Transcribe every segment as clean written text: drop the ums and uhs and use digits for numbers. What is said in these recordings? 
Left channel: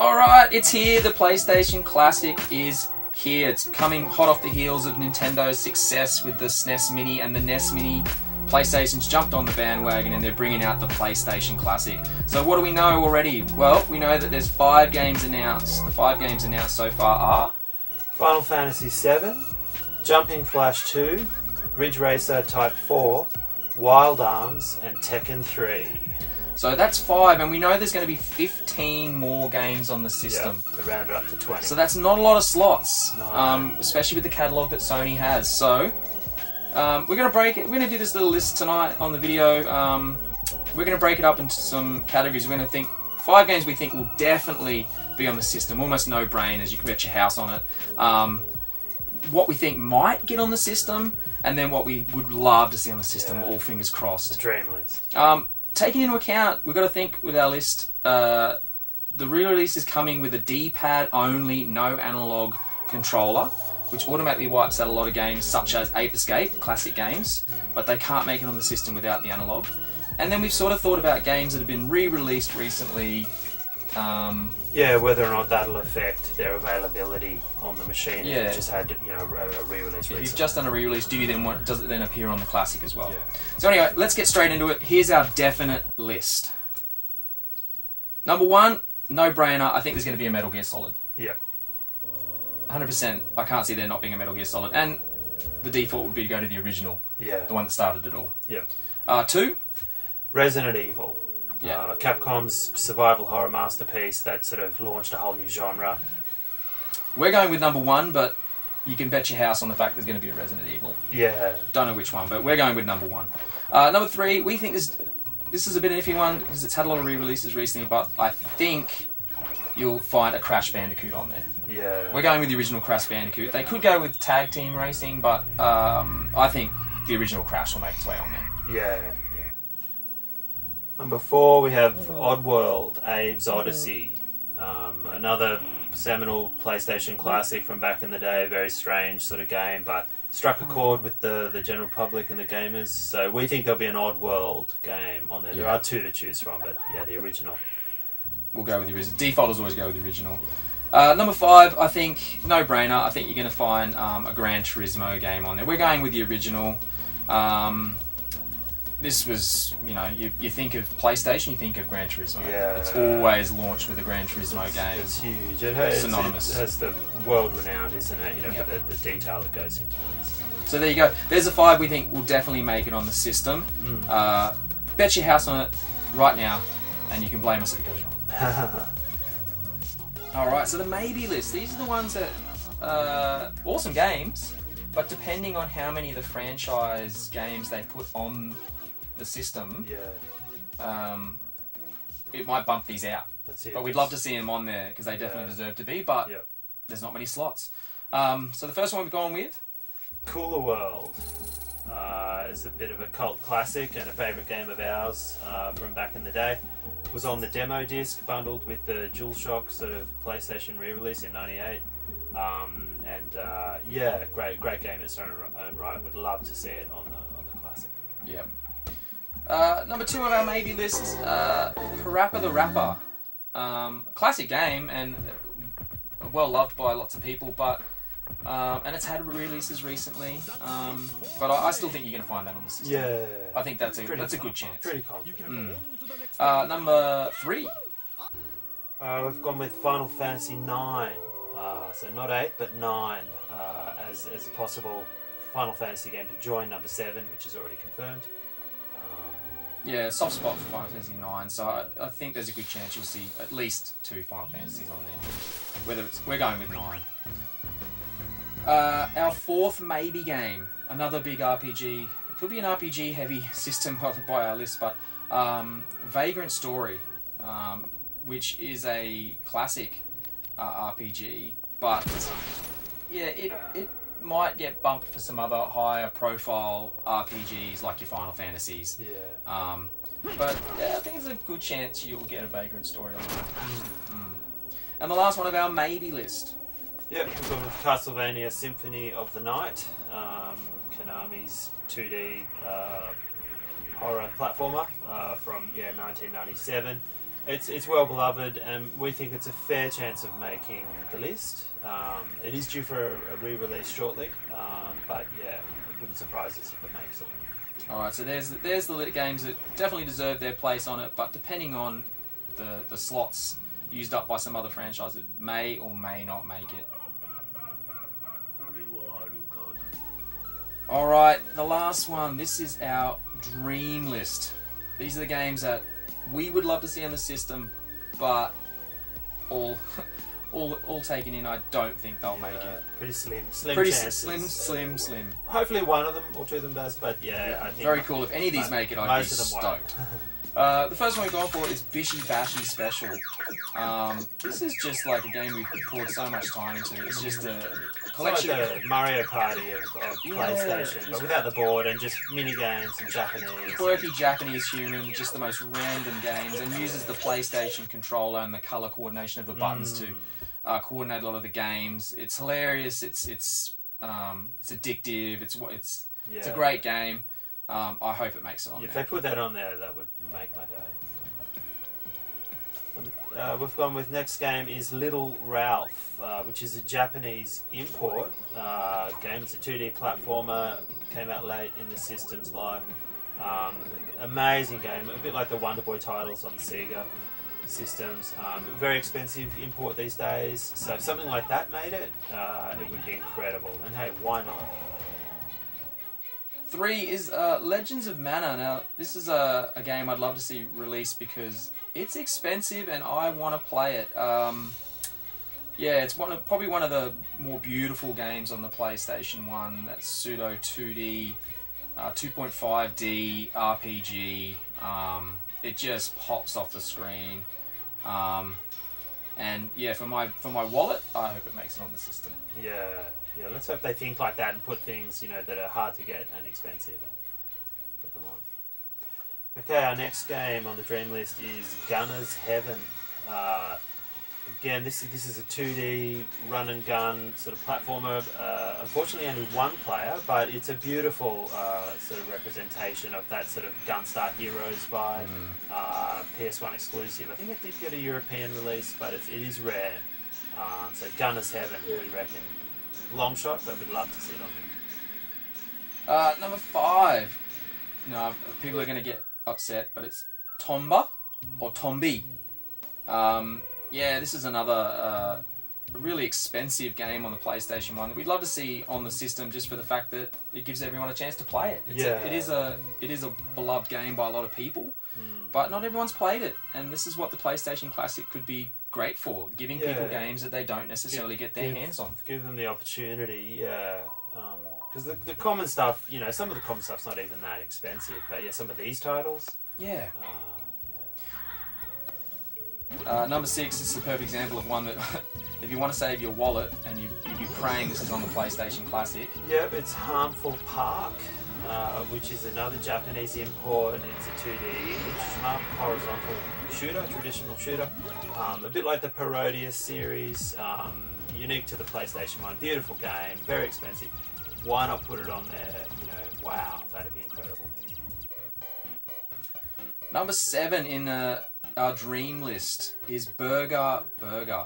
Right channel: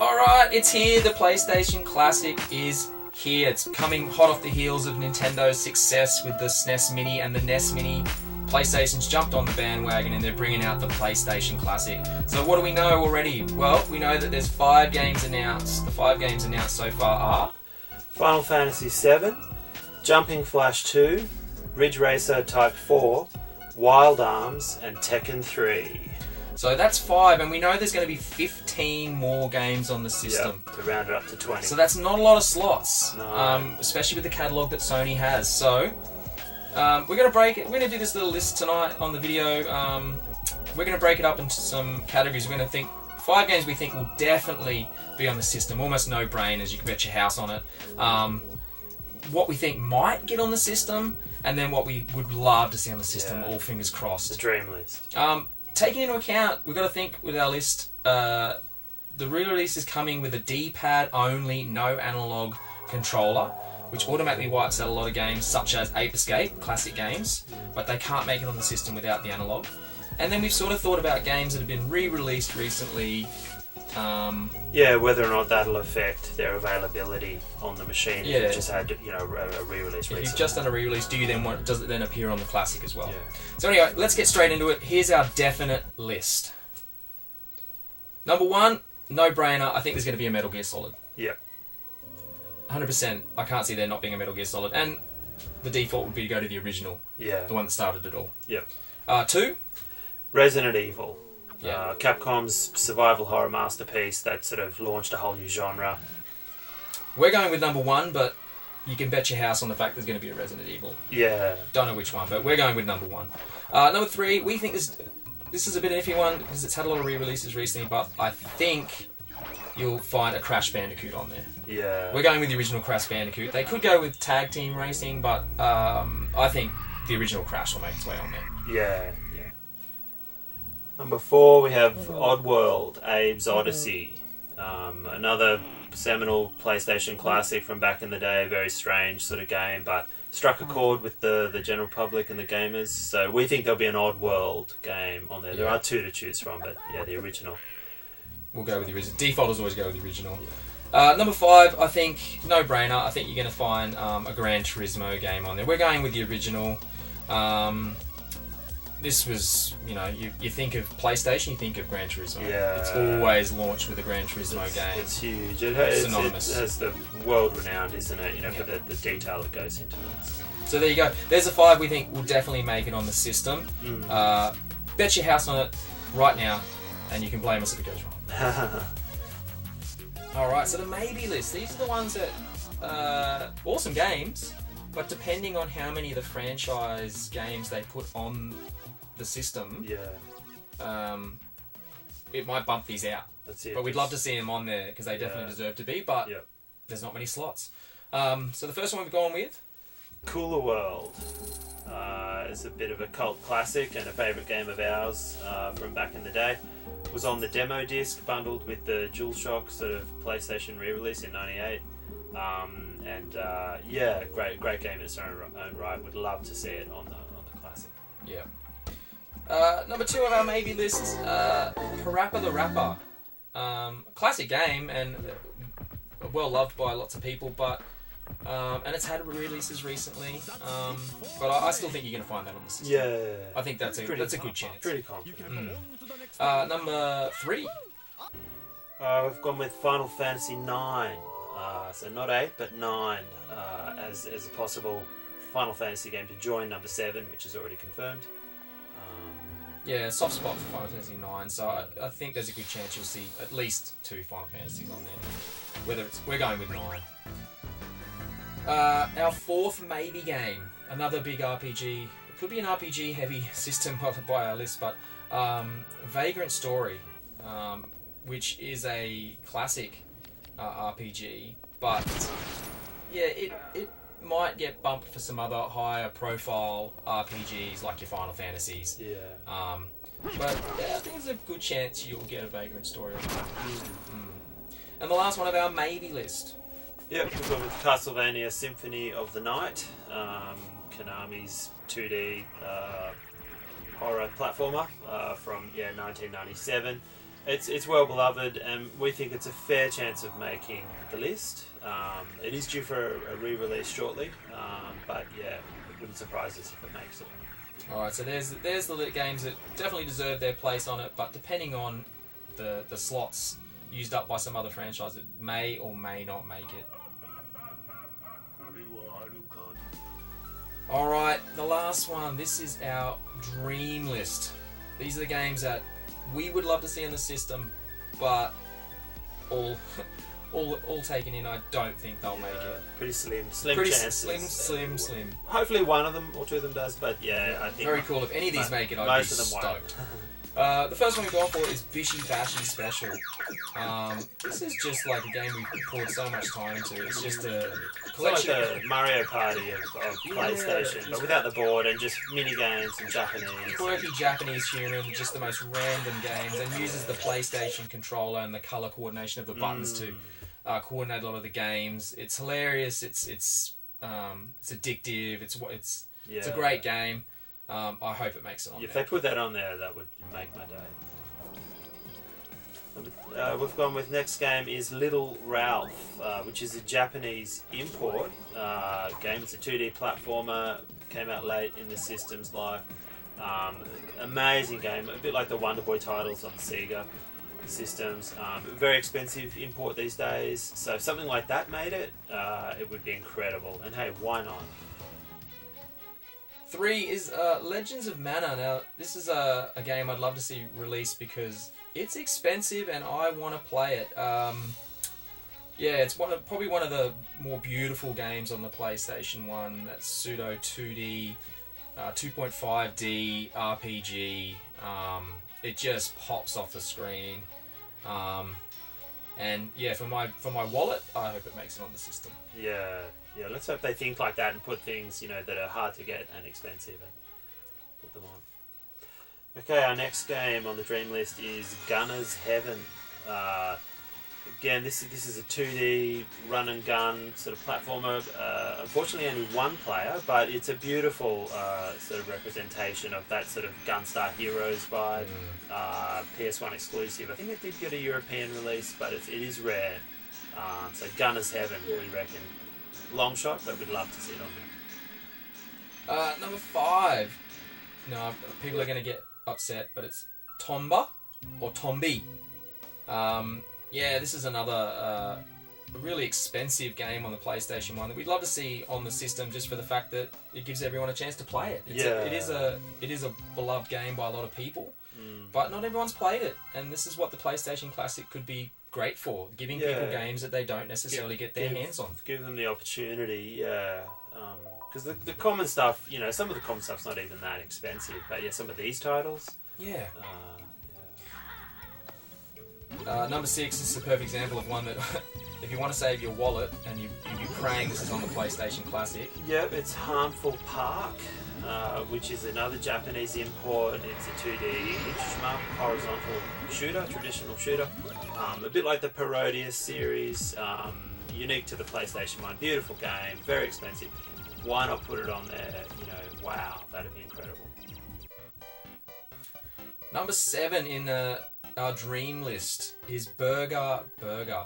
Alright, it's here. The PlayStation Classic is here. It's coming hot off the heels of Nintendo's success with the SNES Mini and the NES Mini. PlayStation's jumped on the bandwagon and they're bringing out the PlayStation Classic. So what do we know already? Well, we know that there's 5 games announced. The 5 games announced so far are... Final Fantasy VII, Jumping Flash 2, Ridge Racer Type 4, Wild Arms, and Tekken 3. So that's 5, and we know there's going to be 15 more games on the system. Yeah, to round it up to 20. So that's not a lot of slots, No. especially with the catalogue that Sony has. So we're going to break it. We're going to do this little list tonight on the video. We're going to break it up into some categories. We're going to think 5 games we think will definitely be on the system, almost no-brainers. You can bet your house on it. What we think might get on the system, and then what we would love to see on the system. All fingers crossed. The dream list. Taking into account, we've got to think with our list, the re-release is coming with a D-pad only, no analog controller, which automatically wipes out a lot of games such as Ape Escape, classic games, but they can't make it on the system without the analog. And then we've sort of thought about games that have been re-released recently. Whether or not that'll affect their availability on the machine. Yeah. If you've just had a re-release recently. If you've just done a re-release, does it then appear on the classic as well? Yeah. So anyway, let's get straight into it. Here's our definite list. Number 1, no-brainer. I think there's going to be a Metal Gear Solid. Yep. 100%. I can't see there not being a Metal Gear Solid. And the default would be to go to the original. Yeah. The one that started it all. Yep. 2. Resident Evil. Yeah. Capcom's survival horror masterpiece that sort of launched a whole new genre. We're going with number 1, but you can bet your house on the fact there's going to be a Resident Evil. Yeah. Don't know which one, but we're going with number 1. Number 3, we think this is a bit of an iffy one because it's had a lot of re-releases recently, but I think you'll find a Crash Bandicoot on there. Yeah. We're going with the original Crash Bandicoot. They could go with Tag Team Racing, but I think the original Crash will make its way on there. Yeah. Number 4, we have Oddworld, Abe's Odyssey. Another seminal PlayStation classic from back in the day. Very strange sort of game, but struck a chord with the general public and the gamers. So we think there'll be an Oddworld game on there. There are 2 to choose from, but yeah, the original. We'll go with the original. Defaulters always go with the original. Number 5, I think, no-brainer. I think you're going to find a Gran Turismo game on there. We're going with the original. This was, you think of PlayStation, you think of Gran Turismo. Yeah. It's always launched with a Gran Turismo game. It's huge. It's synonymous. It has the world renowned, isn't it? For the detail that goes into it. So there you go. There's a 5 we think will definitely make it on the system. Bet your house on it right now, and you can blame us if it goes wrong. Alright, so the maybe list. These are the ones that... awesome games, but depending on how many of the franchise games they put on the system, it might bump these out. That's it. But we'd love to see them on there because they definitely deserve to be, but there's not many slots. So the first one we've gone with? Cooler World. Is a bit of a cult classic and a favourite game of ours from back in the day. Was on the demo disc bundled with the DualShock sort of PlayStation re-release in '98. Great game in its own right. Would love to see it on the classic. Yeah. Number 2 of our maybe list, Parappa the Rapper. Classic game and well loved by lots of people, but and it's had re-releases recently. But I still think you're going to find that on the system. Yeah. I think that's a good chance. Pretty confident. Number 3. We've gone with Final Fantasy 9. So not 8, but 9 as a possible Final Fantasy game to join number 7, which is already confirmed. Yeah, soft spot for Final Fantasy 9, so I think there's a good chance you'll see at least 2 Final Fantasies on there. We're going with 9. Our 4th maybe game, another big RPG. It could be an RPG heavy system by our list, but Vagrant Story, which is a classic RPG, but it might get bumped for some other higher profile RPGs like your Final Fantasies. Yeah. But I think there's a good chance you'll get a Vagrant Story on that. And the last one of our maybe list. Yep, we've gone with Castlevania Symphony of the Night, Konami's 2D horror platformer from 1997. It's well beloved, and we think it's a fair chance of making the list. It is due for a re-release shortly, but yeah, it wouldn't surprise us if it makes it. Alright, so there's the lit games that definitely deserve their place on it, but depending on the slots used up by some other franchise, it may or may not make it. Alright, the last one. This is our dream list. These are the games that we would love to see on the system, but all taken in, I don't think they'll make it. Pretty slim Pretty chances. slim. Hopefully one of them or two of them does, but yeah, I think Very cool. If any of these make it, I'd be most of them stoked. won't. The first one we've gone for is Bishi Bashi Special. This is just like a game we've poured so much time into. It's just a collection It's like the Mario Party of Yeah, PlayStation, just- but without the board and just mini games and Japanese. quirky Japanese humour and just the most random games, and uses the PlayStation controller and the colour coordination of the buttons to coordinate a lot of the games. It's hilarious. It's addictive. It's a great game. I hope it makes it on If there. they put that on there, that would make my day. We've gone with next game is Little Ralph, which is a Japanese import game. It's a 2D platformer, came out late in the system's life. Amazing game, a bit like the Wonder Boy titles on Sega systems. Very expensive import these days, so if something like that made it, it would be incredible. And hey, why not? 3 is Legends of Mana. Now, this is a game I'd love to see released because it's expensive and I want to play it. Yeah, it's probably one of the more beautiful games on the PlayStation 1. That's pseudo 2D, 2.5D RPG. It just pops off the screen. And yeah, for my wallet, I hope it makes it on the system. Yeah, let's hope they think like that and put things, that are hard to get and expensive and put them on. Okay, our next game on the dream list is Gunner's Heaven. Again, this is a 2D run and gun sort of platformer. Unfortunately, only one player, but it's a beautiful sort of representation of that sort of Gunstar Heroes vibe. PS1 exclusive. I think it did get a European release, but it is rare. So Gunner's Heaven, we reckon. Long shot, but we'd love to see it on. Number 5. No, people are going to get upset, but it's Tomba or Tombi. Yeah, this is another really expensive game on the PlayStation 1 that we'd love to see on the system, just for the fact that it gives everyone a chance to play it. It is a beloved game by a lot of people, but not everyone's played it, and this is what the PlayStation Classic could be great for, giving people games that they don't necessarily get their hands on. Give them the opportunity, because the common stuff, some of the common stuff's not even that expensive, but yeah, some of these titles. Number 6 is a perfect example of one that, if you want to save your wallet and you're praying this is on the PlayStation Classic. Yep, it's Harmful Park, which is another Japanese import. It's a 2D horizontal shooter, traditional shooter. A bit like the Parodius series, unique to the PlayStation 1. Beautiful game, very expensive. Why not put it on there? Wow, that'd be incredible. Number 7 in our dream list is Burger Burger.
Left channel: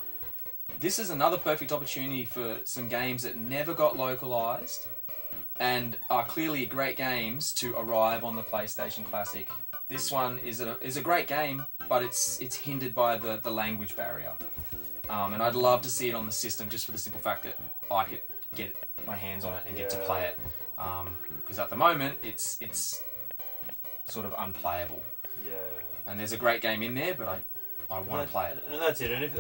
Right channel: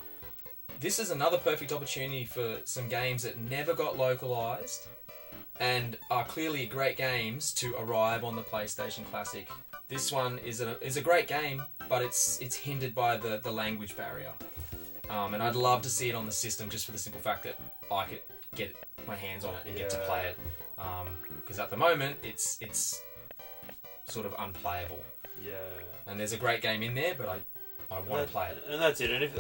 This is another perfect opportunity for some games that never got localized and are clearly great games to arrive on the PlayStation Classic. This one is a great game, but it's hindered by the language barrier. And I'd love to see it on the system just for the simple fact that I could get my hands on it and get to play it. Because at the moment, it's sort of unplayable. Yeah. And there's a great game in there, but I want to play it. And that's it. And if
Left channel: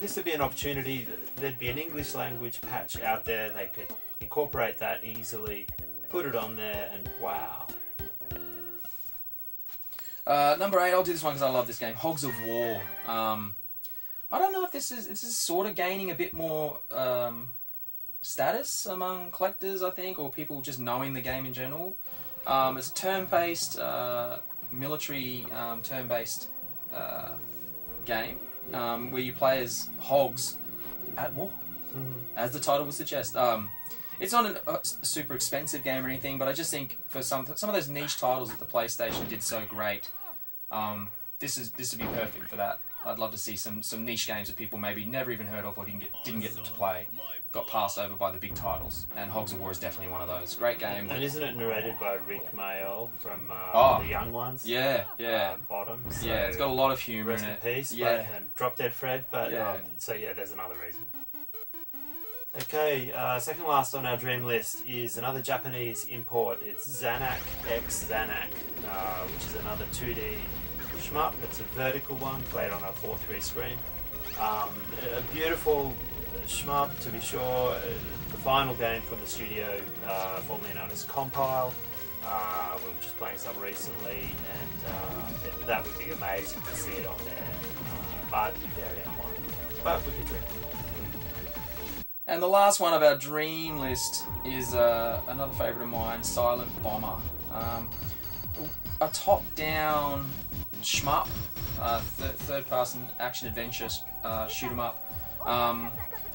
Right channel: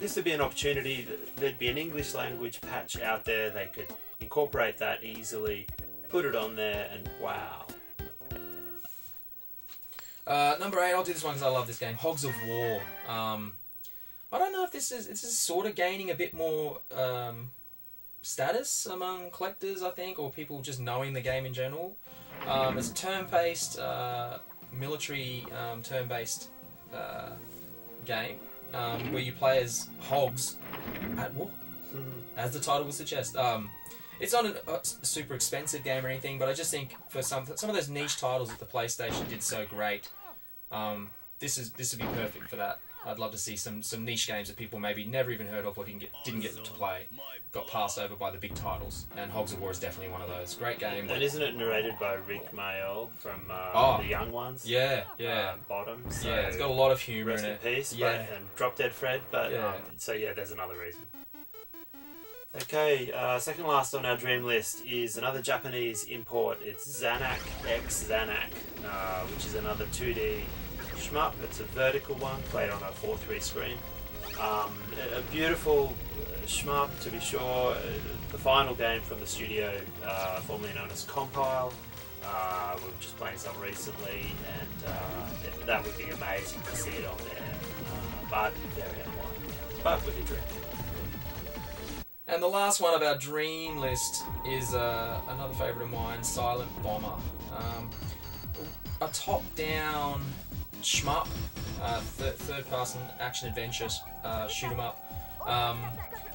this would be an opportunity, there'd be an English language patch out there. They could incorporate that easily, put it on there, and wow. Number 8, I'll do this one because I love this game. Hogs of War. I don't know if this is sort of gaining a bit more status among collectors, I think, or people just knowing the game in general. It's a turn-based, military turn-based game where you play as hogs at war, as the title would suggest. It's not a super expensive game or anything, but I just think for some of those niche titles that the PlayStation did so great, this would be perfect for that. I'd love to see some niche games that people maybe never even heard of or didn't get to play, got passed over by the big titles. And Hogs of War is definitely one of those. Great game. And isn't it narrated by Rick Mayall from The Young Ones? Yeah. Bottom. So Yeah, it's got a lot of humour rest in in it. peace. Yeah. And Drop Dead Fred. But Yeah. so yeah, there's another reason. Okay, second last on our dream list is another Japanese import. It's Zanak X Zanak, which is another 2D shmup. It's a vertical one, played on a 4:3 screen. A beautiful shmup, to be sure. The final game from the studio, formerly known as Compile. We were just playing some recently, and that would be amazing to see it on there. But very unlikely. But would be great. And the last one of our dream list is another favourite of mine, Silent Bomber. A top-down shmup, third-person action-adventure shoot 'em up,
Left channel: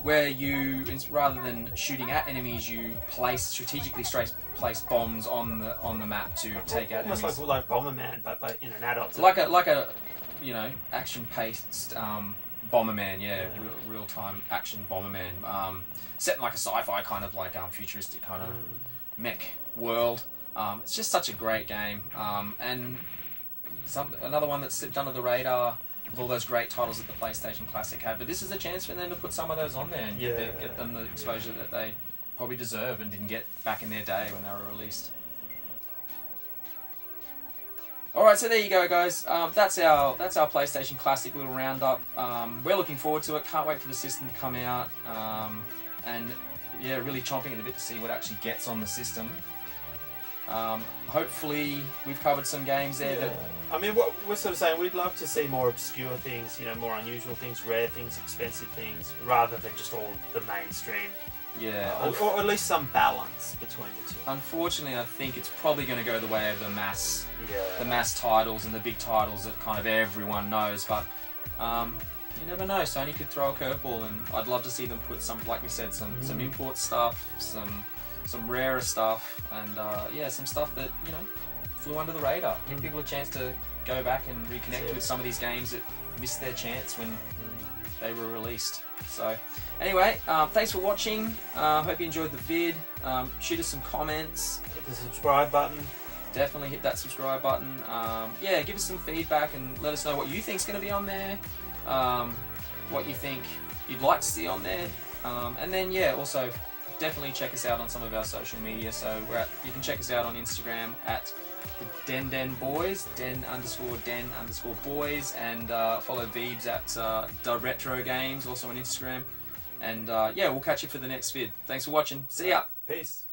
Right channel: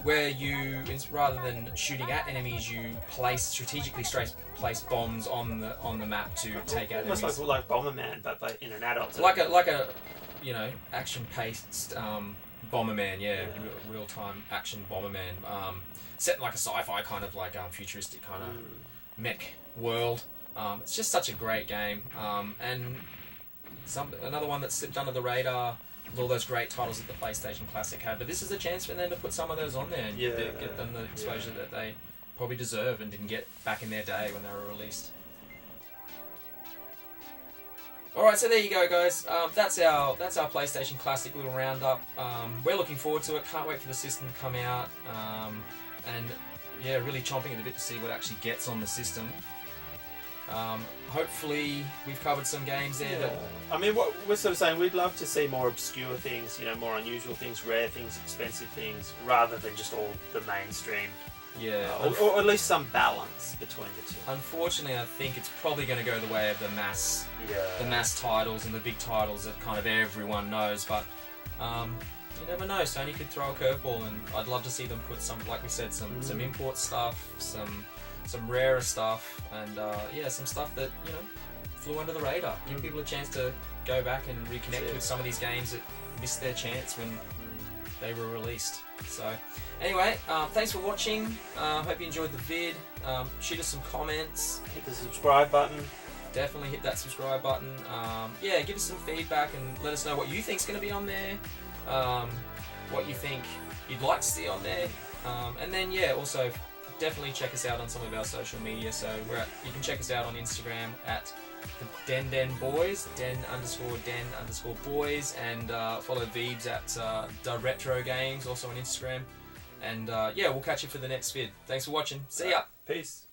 where you, rather than shooting at enemies, you strategically place bombs on the map to take out enemies. Almost like Bomberman, but in an adult. Like a action-paced Bomberman, real-time action Bomberman, set in like a sci-fi kind of like futuristic kind of mech world. It's just such a great game, and another one that's slipped under the radar with all those great titles that the PlayStation Classic had. But this is a chance for them to put some of those on there and get them the exposure that they probably deserve and didn't get back in their day when they were released. Alright, so there you go, guys. That's our PlayStation Classic little roundup. We're looking forward to it. Can't wait for the system to come out. And yeah, really chomping at the bit to see what actually gets on the system. Hopefully, we've covered some games there. Yeah. I mean, what we're sort of saying, we'd love to see more obscure things, more unusual things, rare things, expensive things, rather than just all the mainstream. Yeah. Or at least some balance between the two. Unfortunately, I think it's probably going to go the way of the mass titles and the big titles that kind of everyone knows. But you never know. Sony could throw a curveball, and I'd love to see them put some, like we said, some import stuff, some rarer stuff, and some stuff that flew under the radar. Give people a chance to go back and reconnect with some of these games that missed their chance when they were released. So anyway, thanks for watching. Hope you enjoyed the vid. Shoot us some comments. Hit the subscribe button. Definitely hit that subscribe button. Give us some feedback and let us know what you think's going to be on there. What you think you'd like to see on there. And then also definitely check us out on some of our social media. So you can check us out on Instagram at the Den Boys, Den_boys, and follow Veebs at the Retro Games, also on Instagram. And we'll catch you for the next vid. Thanks for watching. See ya. Peace.